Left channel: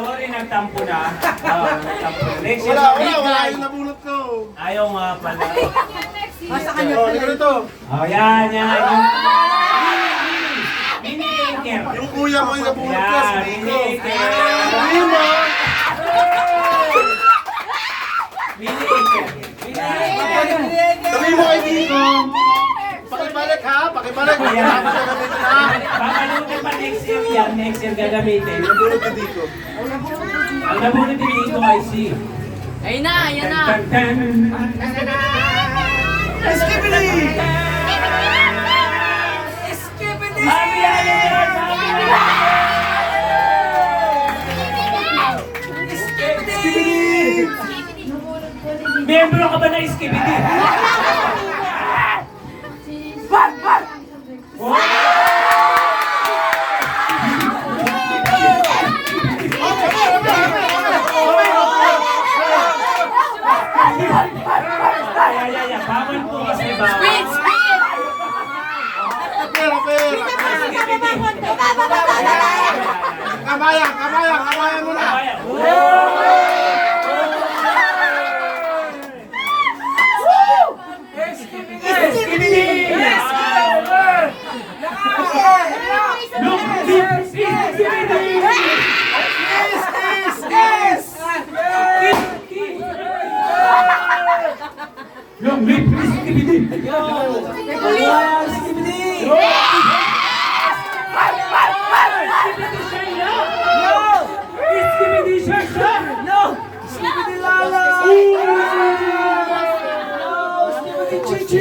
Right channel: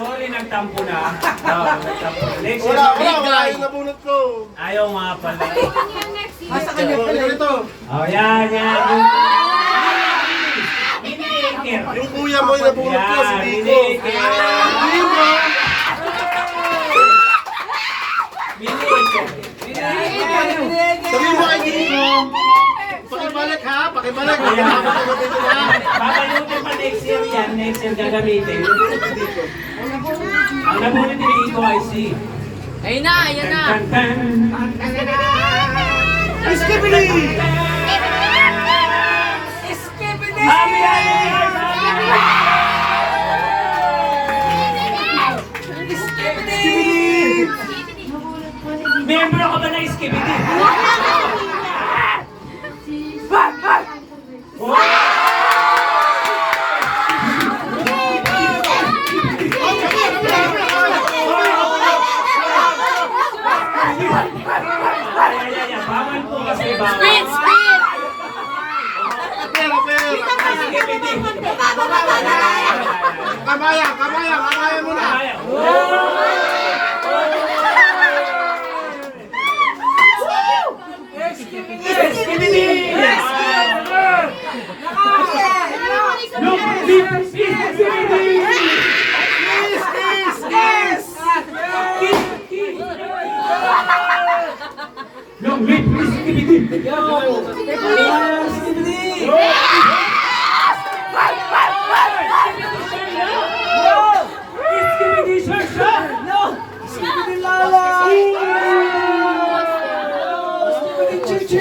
Sorry, nagtampo na. Oo, nagtampo na. Next year, Wala yung nabunot ko. ayaw nga pala. Sa kanya Oh, pala. ito. Oh, yan. Mini-acre. Yung kuya mo yung nabunot ko, si Yan, Nico. mini-acre. Mini-acre. Sabihin mo kay Nico. Pakibalik ha, pakibalik. Habang gagamitin ha. Babalik pa next year yan. Next year gagamitin. Nabunot ni Nico. Ang nabunod din dito ay si... Ayun na, ayun na. Skibidi! Happy Skibidi! Membro ka ba na Skibidi? Bawal po kasi bawal. Speed, speed! Kapera! Kamayan muna! Yung lip is skibidi. Skibidi siya siya. Skibidi lala! Skibidi chichi!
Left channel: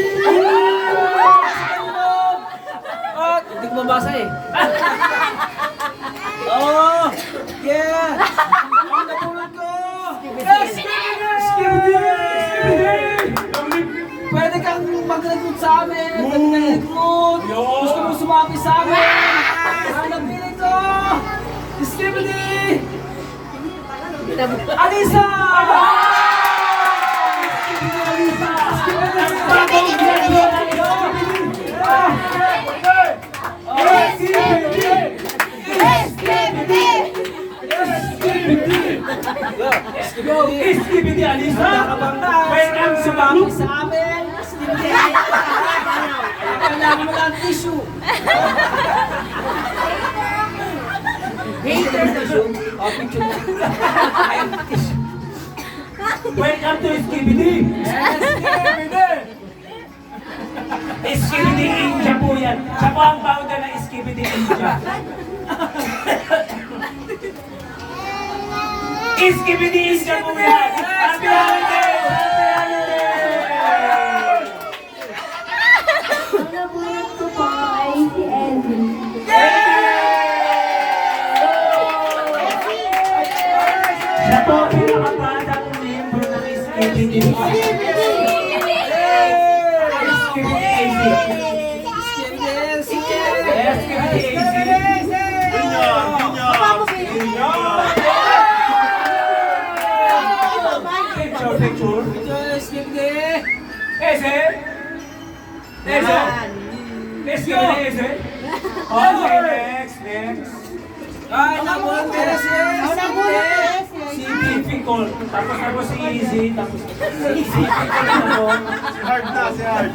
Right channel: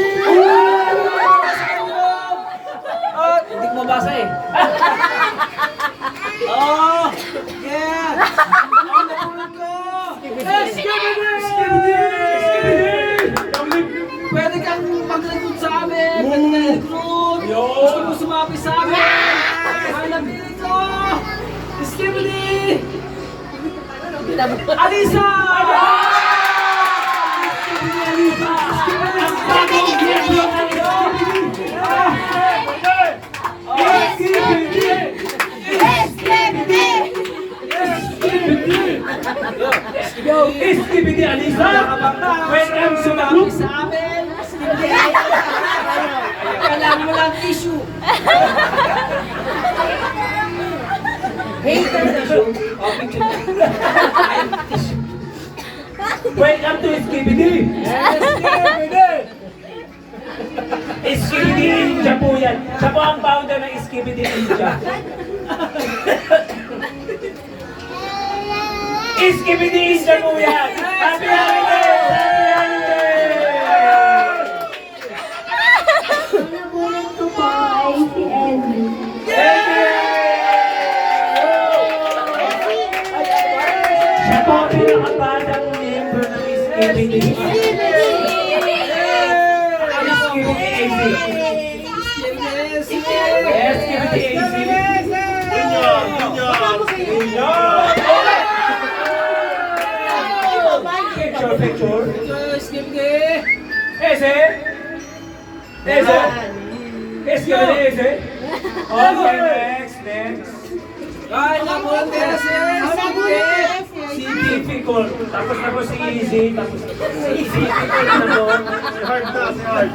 Hindi ko mabasa eh. Oh! Yeah! Ang napulot ko! Pwede kang mag-recruit sa amin! Pwede kang recruit! Gusto mo sumabi sa amin! Ang napili ko! Skibidi! Alisa! Alisa! Ang bagong miyembro ng Skibidi Alisa! Welcome to the group! Sa amin! Kailangan mo lang tissue! Hater tissue! Oh, picture na. Welcome to Skibidi! Skibidi India po yan. Siya po ang founder ng Skibidi India. Skibidi India po yan! Happy holidays! Nabunot ko po ay si Elvin. Siya po ang pinakabatang member ng Skibidi. Skibidi AC. Yes, Skibidi AC. Picture. Skibidi! Ese. Ese. Ese. Okay, next. Ay, napulot ko na si Skibidi! Si Difficult. Tapos na po si Easy. Tapos si Difficult na po. Hard na si Hard.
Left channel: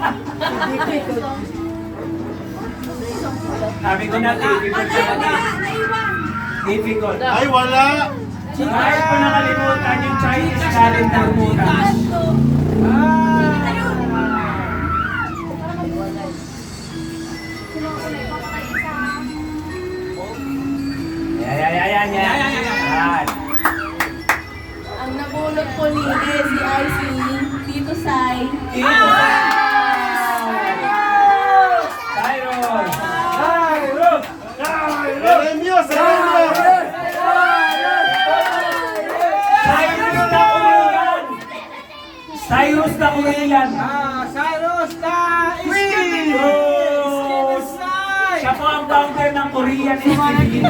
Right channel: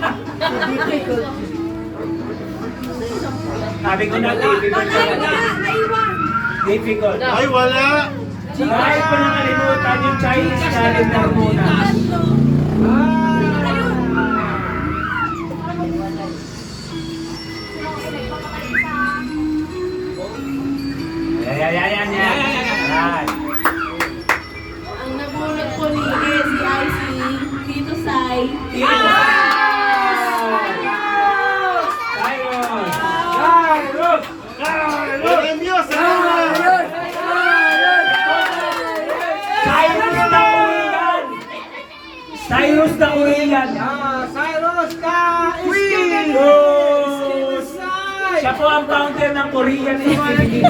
Sabi ko na, difficult na. Difficult. Ay, wala! Kahit ko nakalimutan yung Chinese calendar muna. Yan. Ang nabunot ko ni SCIC, Tito Sai. Premios! Cyrus na Urilan. Cyrus ka! Siya po ang founder ng Korean Skibidi.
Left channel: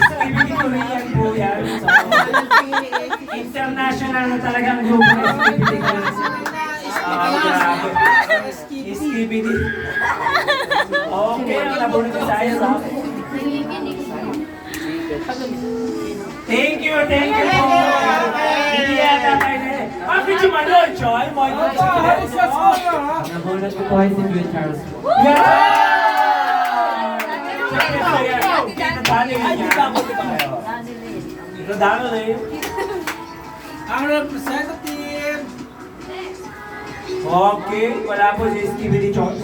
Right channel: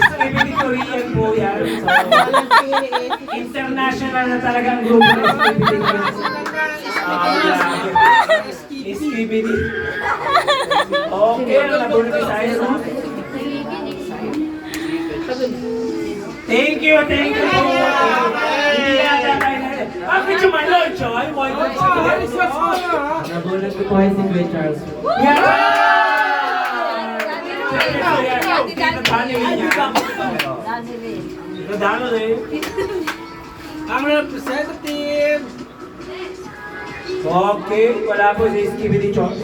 Skibidi Korean po yan. So, international na talagang grupo ng Skibidi. Skibidi. Okay, nabunod tayo sa Thank you po. Hindi yata tayo. Bakit yung Manol, Choy? Moy ko Nabulat ko po ay si Gwen Charles. Ang representative. Okay, wala po si Skibidi Chot.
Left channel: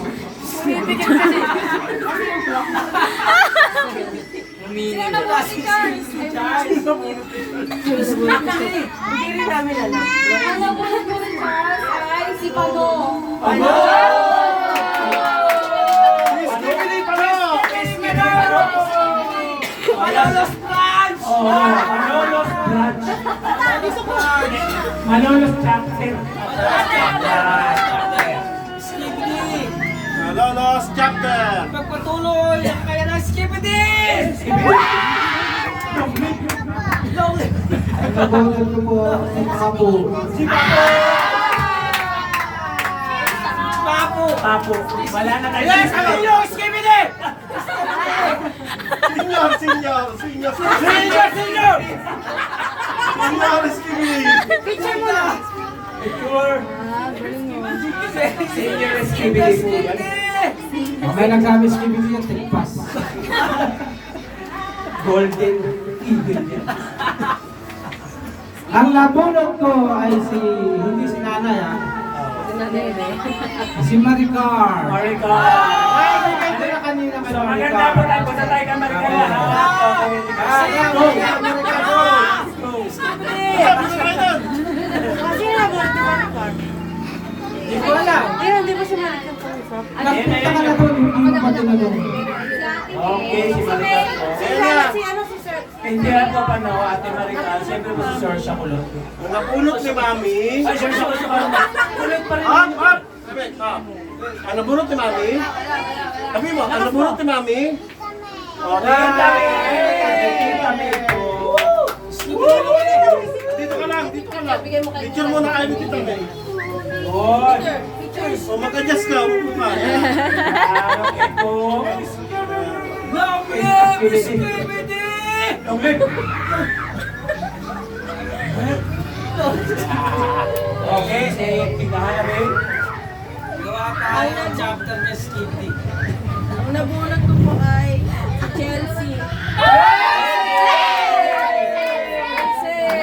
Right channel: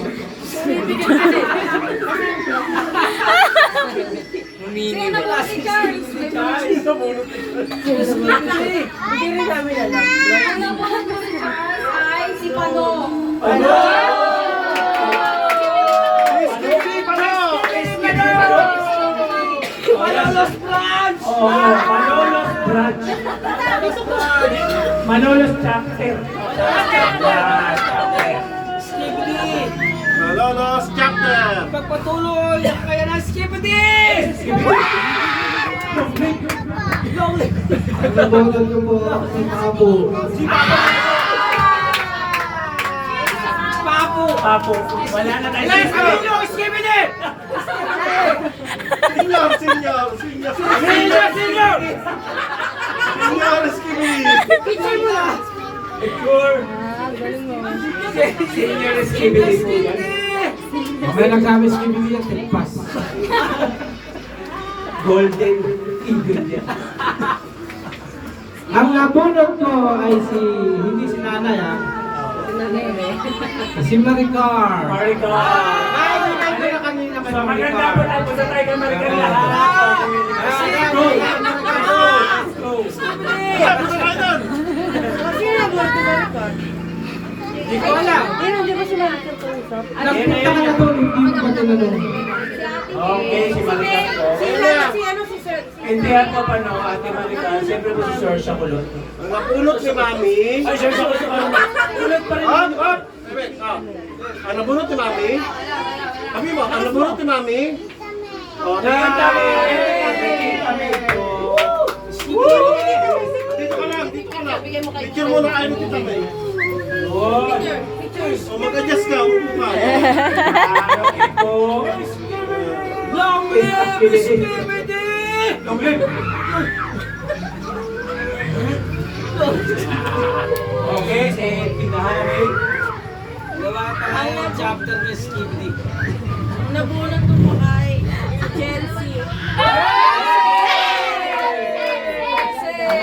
Sino po si Charles? Bigyan namin alam. Ano po si Charles? Ay, si Pano. Skibidi Pano! Manolos Branch! Oh, Manolos Branch. Manolos Chapter. Skibidi. Malolos Chapter! Pagpatuloy ang kaya ng Skibidi. Nabulat ko po si Papu. Papo. Wala na tayo. Yes, ano yung Skibidi? Senior Skibidi! Picture mo na. Picture. Senior Skibidi po yan. Okay lang kami Skibidi yung tigpas. Golden Eagle yan. Ang nabunot ko ay hindi si nanay si Maricar. Marika. Ay, na kanina So, maganda po tayo. Basta tayo ka Marika lahat. Go. Tapos na kayo doon! Hindi ko alam. Hindi ba si Marika po usap? Nagpunta ka na doon, hindi mo pa tinanong. Okay, si Marika po. Si Sir? Hindi ako pa no, Ate Marika. Siyempre po si Sir siya kulot. Ang napulot ni Mami. Ay, Sir siya kulot si Mami. Kulot pa rin. Hop! Ang nabunot ni Mami. Sabi mo, ang nabunot ni Mami. Okay. Dito ka lang. Picture muna kayo ni Tita May. O mag-adjust ka, umupo ka. Long live Skibidi! Okay, si pindahan namin. Gawa tayo ng chapter ni Skibidi. Ang nabunot ko po ay si Chelsea.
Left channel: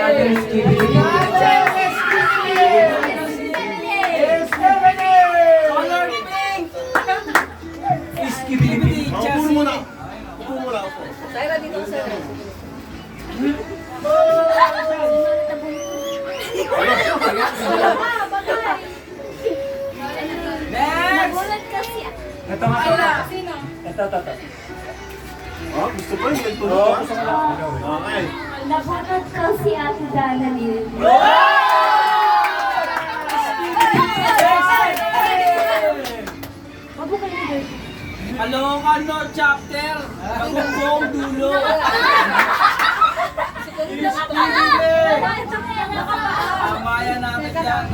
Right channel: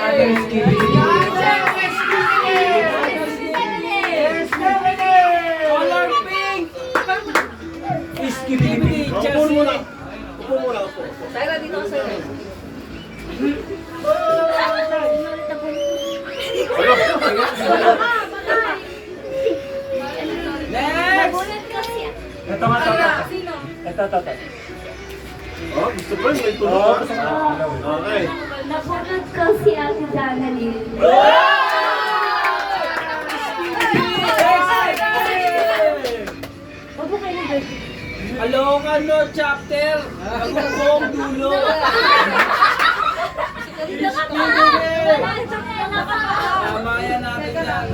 Ate Skibidi. Color pink! Skibidi. Upo muna. Upo muna, upo. Tyra, dito ko sa'yo. Ito nga. Ito. Oh, gusto ko yung may tulog. Okay. Nabulat ko si Ate Danaline. Alokan no chapter! Ang buong dulo! Tama yan natin yan.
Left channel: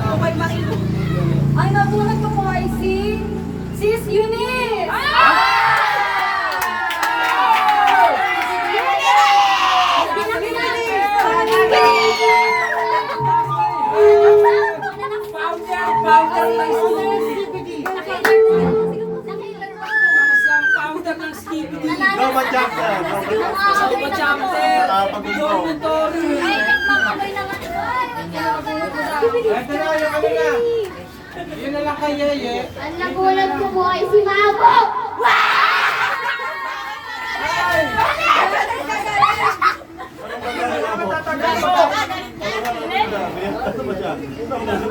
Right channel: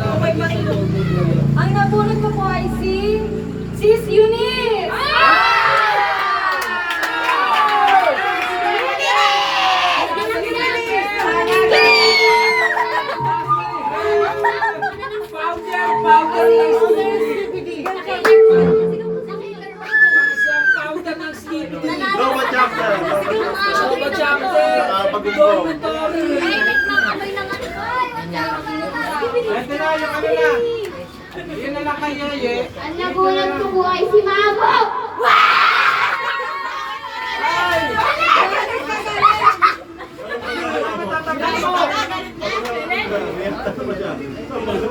Ang nabunot ko po ay si Sis Eunice! Isang counter ng Skibidi. Loma Chapter. Loma Chapter. Dormitory. Ito na yung kanina. Yun na lang kay Yeye. Ang nabulat ko po ay si Mamo!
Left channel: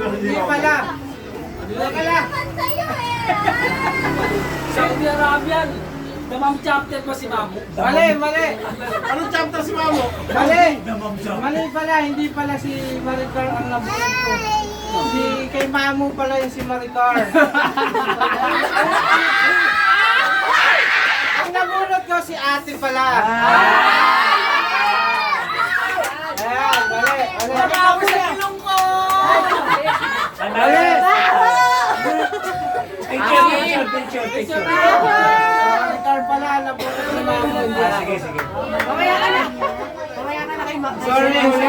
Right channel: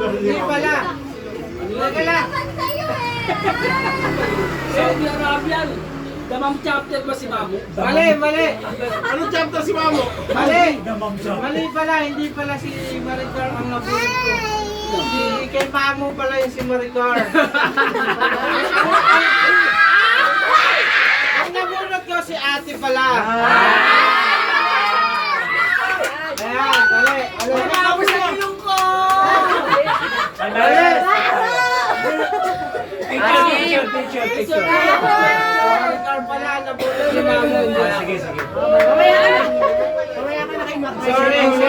Hindi pala. Hindi pala. Saudi Arabian. Damang chapter ba si Mamo? Mali. Anong chapter si Mamo? Mali pala. Hindi pala si Maricar ang nabunot ko. Si kay Mamo pala yung si Maricar. Ang nabunot ko si Ate pala. Ayan, mali. Tapos na ilong ko. Mali. Picture. Car pala, nabunot si Mami. Sige. Mamaya ka na. Mamaya ka na kay Mac. Sino yung huli?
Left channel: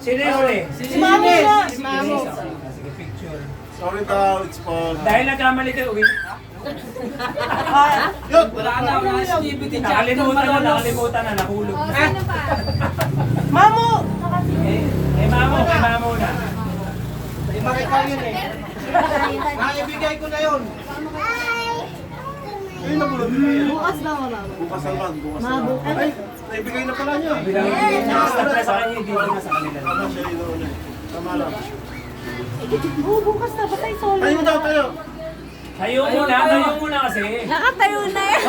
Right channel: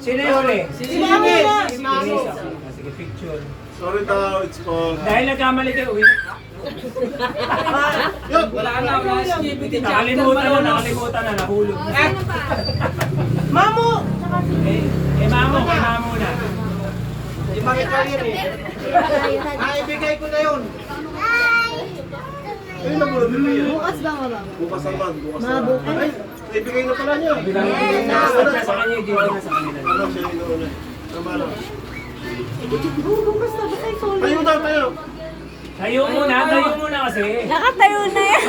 Sino yung huli? Si Mami. Si Mami. Sige, picture. Sorry daw, it's for... Dahil nagkamali kayo, uwi. Yun! Wala na, skip it. Nakalimutan na, nahulog. Mamo! Mamo na. Di ba ikaw yun eh? Ibigay ko na yun. Ayun na muna, bigay. Bukas ba mama? Bukas naman, bukas naman. Ay, naibigay na pala niya. Sa kanya, hindi ko na sa kanila. Tama siya yung nauna eh. Tama lang. Bukas na, basta yung solo. Ayun daw tayo. Tayo muna kasi. Nakatayo na yan.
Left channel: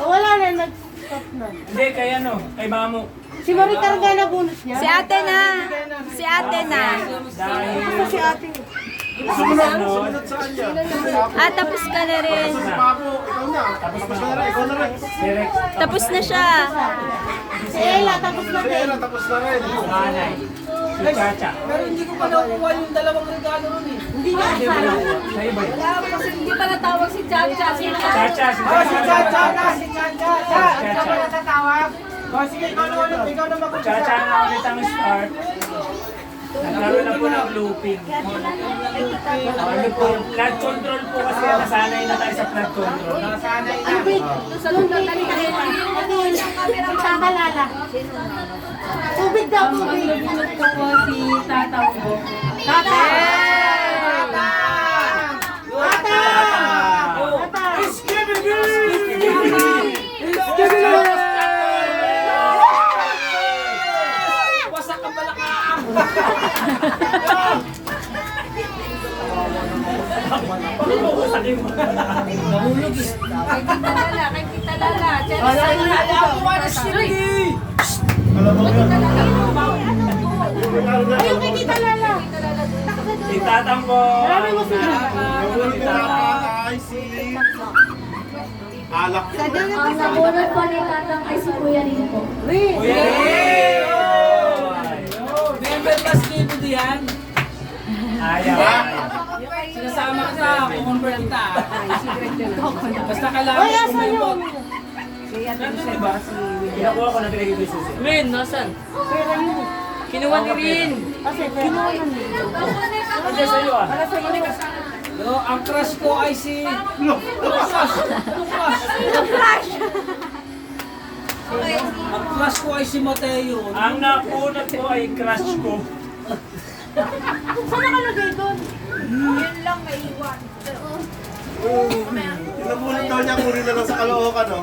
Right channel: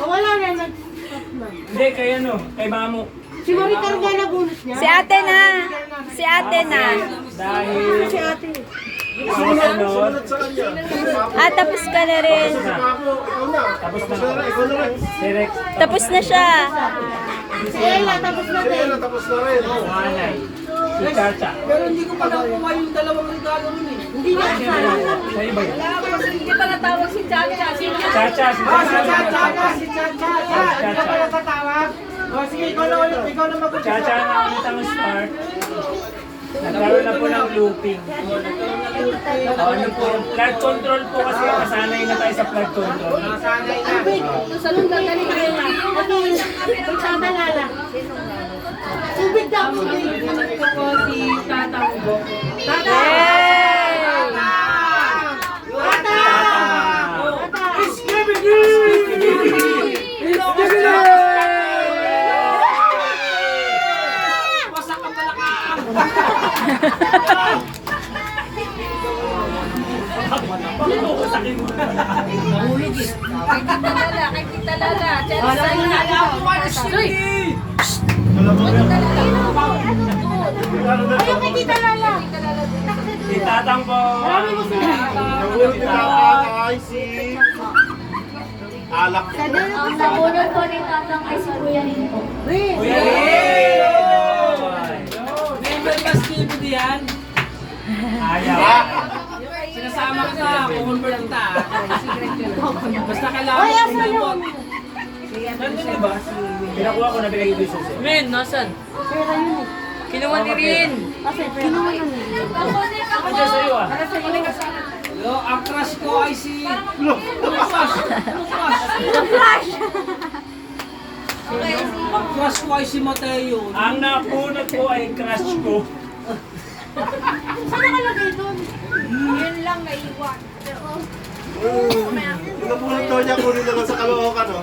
Wala na, nag-stop na. Hindi, kay Mamo. Si Marita rin na bonus niya? Si ate na. Dahil... Si ate. Sumunod sa kanya. Tapos ka na rin. Si Papo, ikaw na. Tapos na rin, ikaw na rin. Direct. Tapos na siya. Si Ella, tapos na Si Ella, tapos na rin. Manay. Si Chacha. Pero hindi ko pa nakuha yung dalawang regalo nun eh. Hindi niya kasama. Sa iba yun. Hindi pa natawag si Chacha. Chacha, si Si Chacha. Chacha. Nakatawag. Sige, ikaw na ulit. Ikaw na mag-umpisa. Chacha na ulit ang start. Nagkaroon na po ng looping. Ano po, flood control po kasi nasanay na tayo sa flood control. Nasanay na. Salon na tali ka na. Sama lala. Tubig daw, tubig. Si Tatang Bo. Wasak ka pala ka. Kay Tita Lala. Ayaw kay Tita Lala. Si Tatang po. Marami mo sila. Nabunod nila ay si... Alak. Ang nabunod po ni Tatang ay si Kuya Ringo. May skip it yan. Ayaw. Sinasama ka sa convert kita. Basta kailangan Ay, asan yun? Nandun diba? Pinakuha ko nag-ready ko siya. Men, nasan? Pera yun eh. Kinuha ni Rin. Kasi kinuha na niya. Nandiyan sa'yo ah. Para sa iyo. Yo, ang crush ko ay si... Ang crush ko ay si Mateo. Ang napunot ko ay crush ko. Saan nakalagay doon? Yun lang naiwan. Nabunod daw niya, kunin na lang sa Caloocan, no?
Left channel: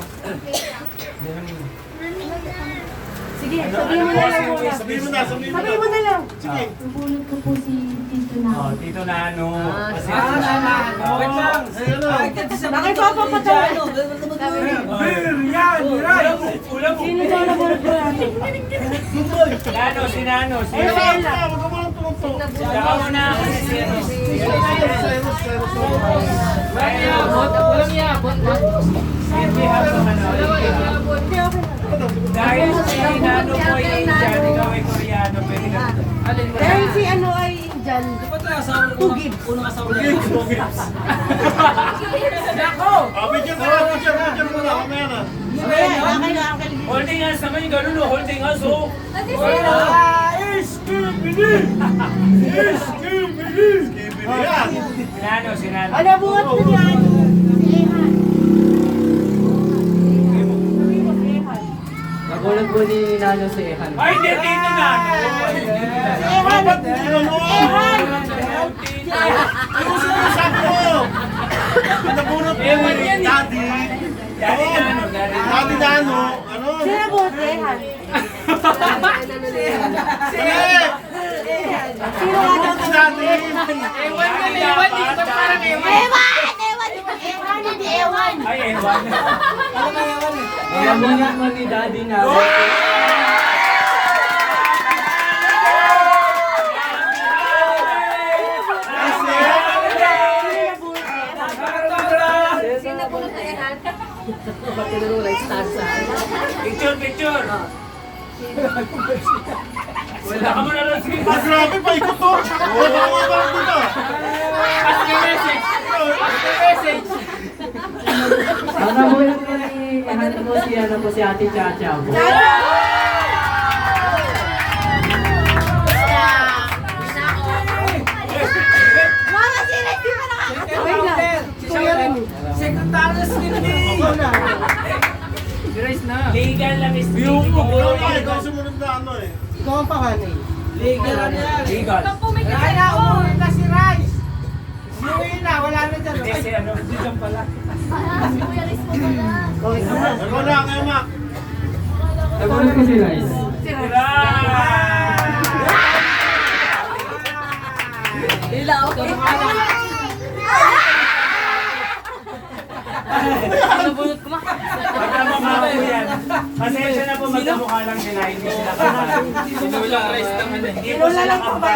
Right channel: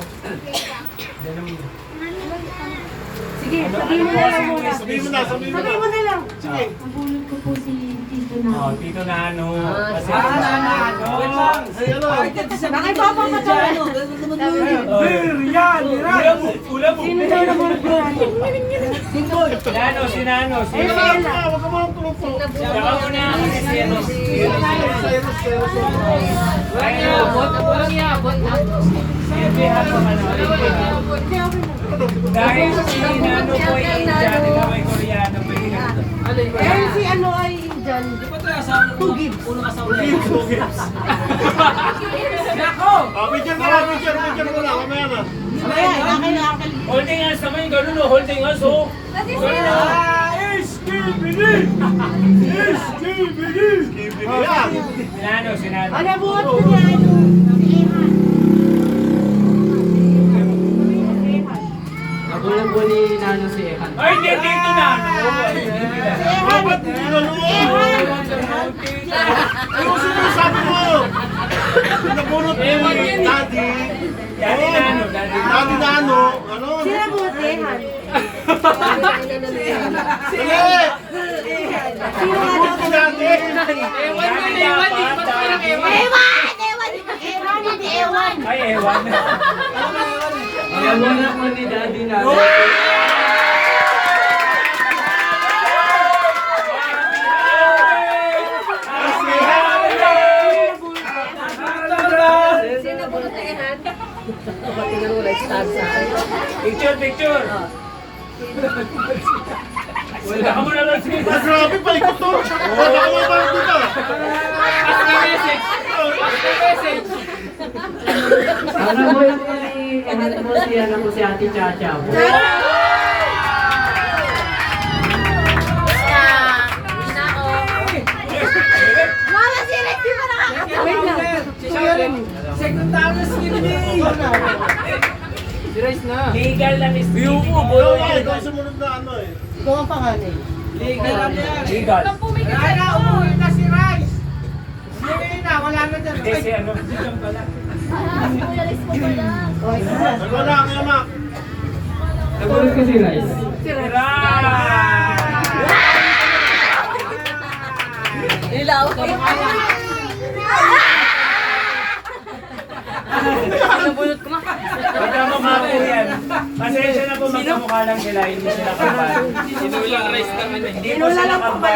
Sige, sabihin mo na lang muna. Sabihin mo na. Sabihin mo na lang. Sige. Ang bunod ko po si Tito na. Oh, Tito Nano. Kasi Wait lang. Nakipapapatawa. Ulam mo. Sino daw na bunod ko natin? Nano, si Nano. Si Ayun si Ella. Huwag ka mo lang tumugpo. Saka muna kasi si ano. Walang iyabot. Hindi ako ano. Hindi, okay na. Dahil si Nano po ay Indian, ikaw ay Koreano. Pwede ka. Dahil si ano ay Indian. Two gigs. Unang asawa na. Picture mo lang, picture mo lang. Kamaya na. Kaya, nakay na uncle. Holding hands naman yung ganun, holding hands, oh. Yan. Si Nano. Ano buhat ko niya ay si Ehan. Sabihin mo si Ehan. Magulang ko ni Nano si Ehan. Ay, hindi, Tito Nano. Si Ehan. Ehan. Ano sinasabi mo? Nabunod mo yung daddy. Daddy Nano, Daddy Nano. Ano? Sino buhat si Ehan? Sino nga daw si Daddy. Ewan, hindi Ewan. Ay, ewan. Magulang ko ni Daddy Nano. Picture, picture. Wala ka mo na lang. Sige, Ah, grabe pa, ikot to. Baka mabalik dito. Ask the message. Ask the message. Ano po yung si Ate Chacha? Mama, sino? Di ba Wait lang. Secretary si Rice na. legal lang is Pero nga, ikaw sumunod na ano eh. Legal na yan. legal. Wala, umuwi na si Rice. Umuwi na, wala na dyan. Hindi si ano. Hindi kang pala. Bago na, kaya Mac. Nagulat ko si Rice. Tira! Magkamamako yan. Pasensya na po, magkamukha lang nila. Hindi sila kapal. Sinulang Rice naman eh. Hindi po sila kapal.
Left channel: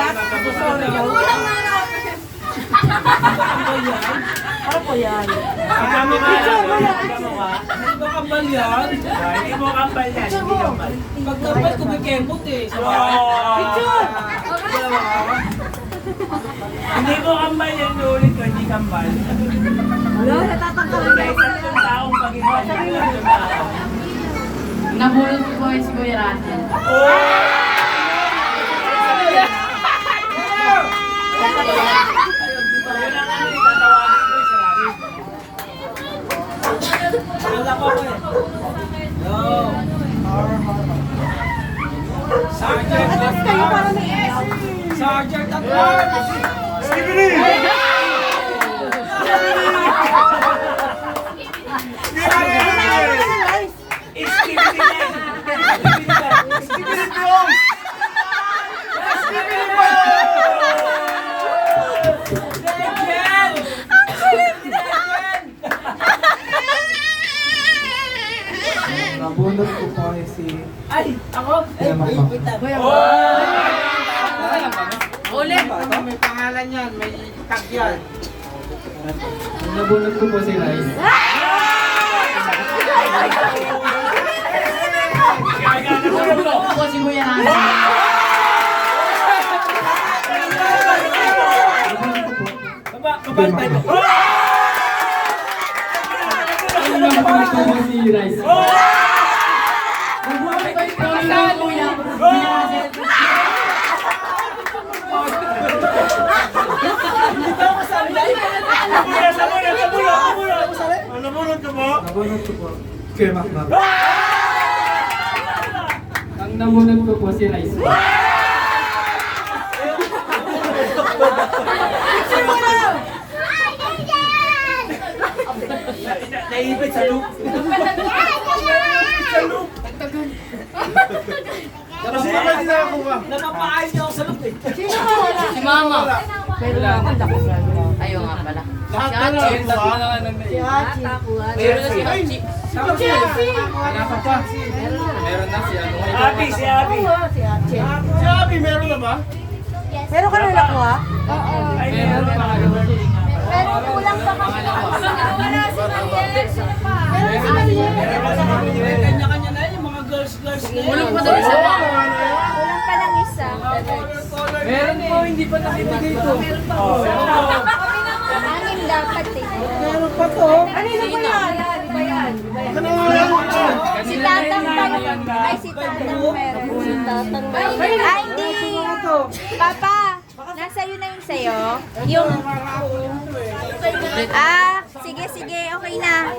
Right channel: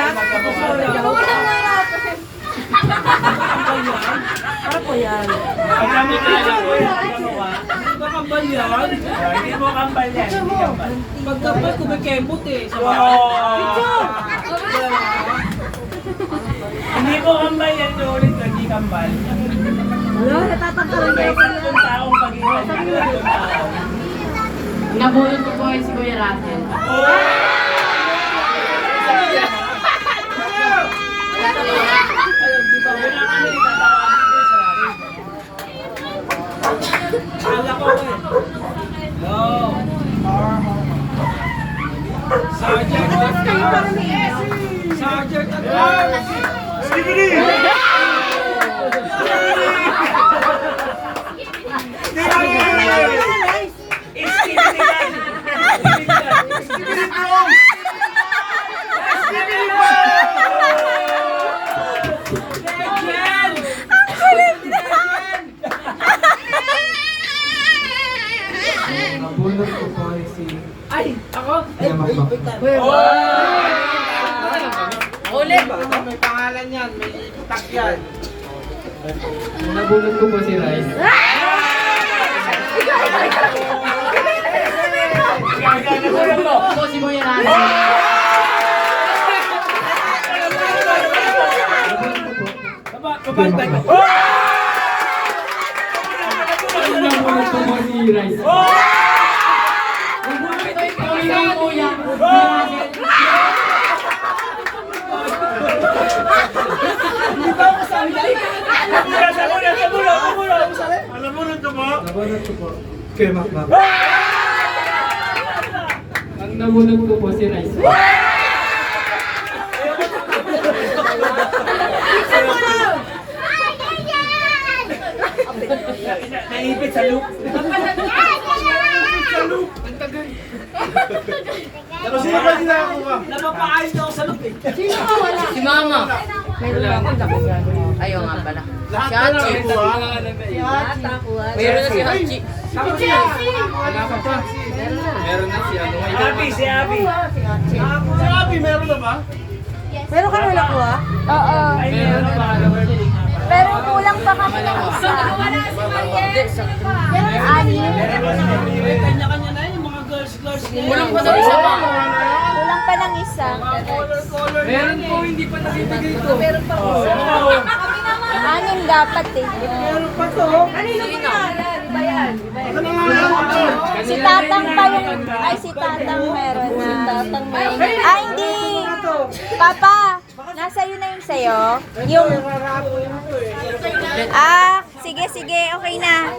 Para po yan. Magkamukha lang po. Magkamukha. Hindi ba kambal yan? Hindi mo kapal yan. Hindi kapal. Pag dapat kumikembot eh. Wow! Hindi mo kambal yan ulit. Hindi kambal. Wala, natatangkalan May kayo. tatlong taong pag-iwan. Tatlong tao. Nabunod ko po ay si Kuya Russell. Wala pa ko eh. Yo. Sergeant at Arms. Sergeant at Arms. Nabunod ko po ay si Ay, ako? Kuya Makmak. Ulit. May pangalan yan, may tag yan. Nabunod ko po si Rice. Ako si Kuya Russell. Baba, baba, baba. Nabunod ko po si Rice. Nabunod ko yung kaibigan ko yung Kuya Russell. Nabunod ka ba? Nabunod ko po. Kuya Makmak. Ang nabunod ko po si Rice. Naipit sa loop. Kasi ba hindi nakakuha? Napapaayos niyo ako sa loop eh. Sino ka wala? Si Mama. Meron ako, laki yan. Ayaw nga pala. Lahat na nakakuha? Si Hachi. Meron na si Hachi. Si Hachi. Wala ka pa. Meron na si ano. Abi, si Abi. Si Hachi. Si Abby, meron na ba? Meron ka na nakuha? Ay, meron pa. Pero kulang pa kasi. Meron sa kanya. Kanya-kanya na yung mga girls na yun. Kulang pa daw isa pa. Kulang pa ng isa. Color. Meron po, hindi pa nakibigay ito. Meron pa po. Anim dapat eh. Meron pa to. Kanino ba yan? Iba yan. Ano na nga yan? Si Tatang pa yung... Ay, si Tatang meron na. Ay, hindi. Papa, nasa yun na yung sayo. Yung... Ah, sige, sige. Okay na.